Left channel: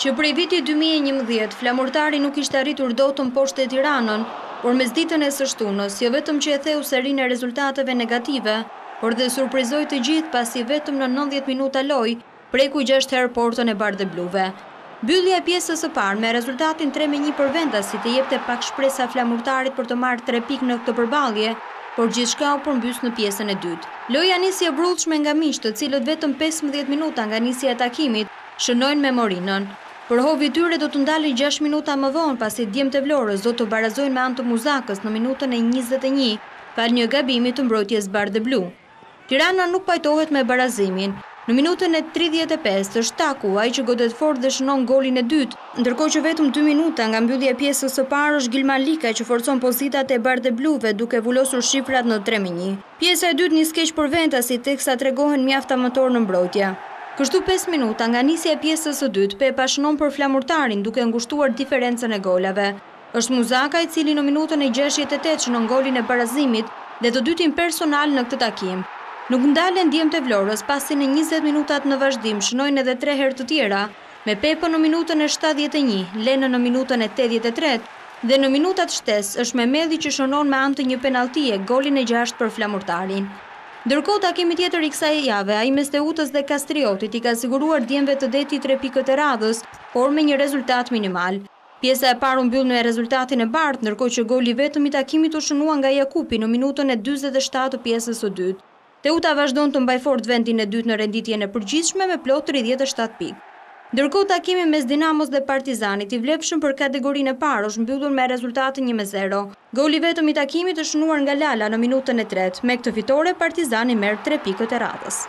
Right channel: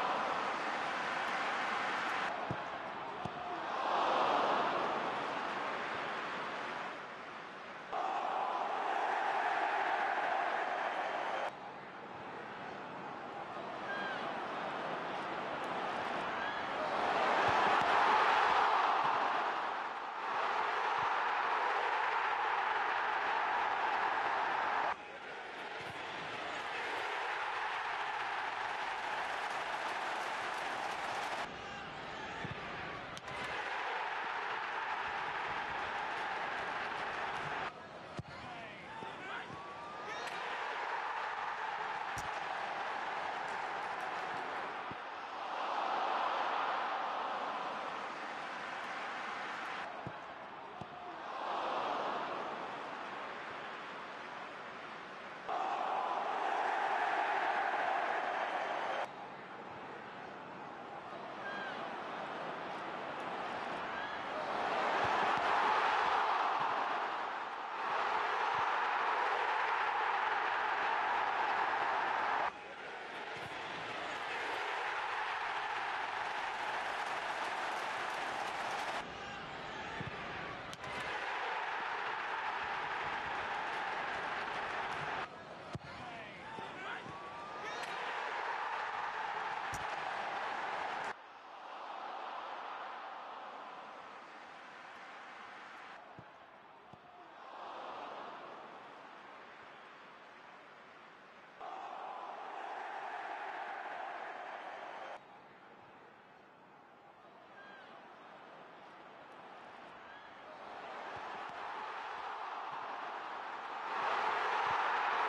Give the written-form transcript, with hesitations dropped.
që prej vitit 2011 Flamurtari nuk ishte arritur dot në poshtë e Tiranën, por mesditën e së shtunës, jo vetëm që e theu serinë e rezultateve negative, por dhe surprizoi të gjithë pasi vetëm në 90 minuta lojë preku 6 herë portën e bardhëbluve. Mbyllja e pjesës së parë me rezultatin 3-1 për vendasit e jepte pak shpresa Flamurtarit për të marrë 3 pikë në këtë përballje, por gjithçka u përmbys në pjesën e dytë. Loja nisi e brullshme nga miqtë, të cilët vetëm 15 minuta nga nisja e takimit shënojnë me Morinën. Përhovi i tyre do të ndalin 6 minuta më vonë pasi djemtë e Vlorës do të barazojnë me anë të Muzakës në minutën e 21 pas një gabimi të mbrojtjes bardhëblu. Tirana nuk pajtohet me barazimin. Në minutën e 35 është Taku, ai që godet fort dhe shënon golin e dytë, ndërkohë që vetëm 2 minuta nga mbyllja e pjesës së parë është Gilman Lika që forcon pozitat e bardhëbluve duke vulosur shifrat në 3-1. Pjesa e dytë nis keq për Ventasit teksa tregohen mjaft amator në mbrojtje. Kështu 5 minuta nga nisja e pjesës së dytë, Pepa shënon për Flamurtarin duke ngushtuar diferencën e golave. Është Muzaka i cili në minutën e 68 shënon golin e barazimit dhe të dytin personal në këtë takim. Nuk ndalen djemtë e Vlorës pasi në 20 minutat në vazhdim shënojnë edhe 3 herë të tjera, me Pepën në minutën e 71, Lenën në minutën e 83 dhe në minutat shtes është Mehmeti që shënon me anë të një penalltie golin e 6 për Flamurtarin. Ndërkohë takimi tjetër i kësaj jave, ai mes Teutës dhe Kastriotit i ka siguruar djemve të Deti 3 pikët e radhës, por me një rezultat minimal. Pjesa e parë u mbyll me rezultatin e bardhë, ndërkohë që goli vetëm i takimit u shënua nga Jakupi në minutën e 47 të pjesës së dytë. Teuta vazhdon të mbaj fort vendin e dytë në renditjen e përgjithshme me plot 37 pikë. Ndërkohë takimi mes Dinamos dhe Partizanit i vlefshëm për kategorinë e parë është mbyllur me rezultatin 1-0. Goli vetëm i takimit është shënuar nga Lala në minutën e 3. Me këtë fitore Partizani merr 3 pikët e radhës.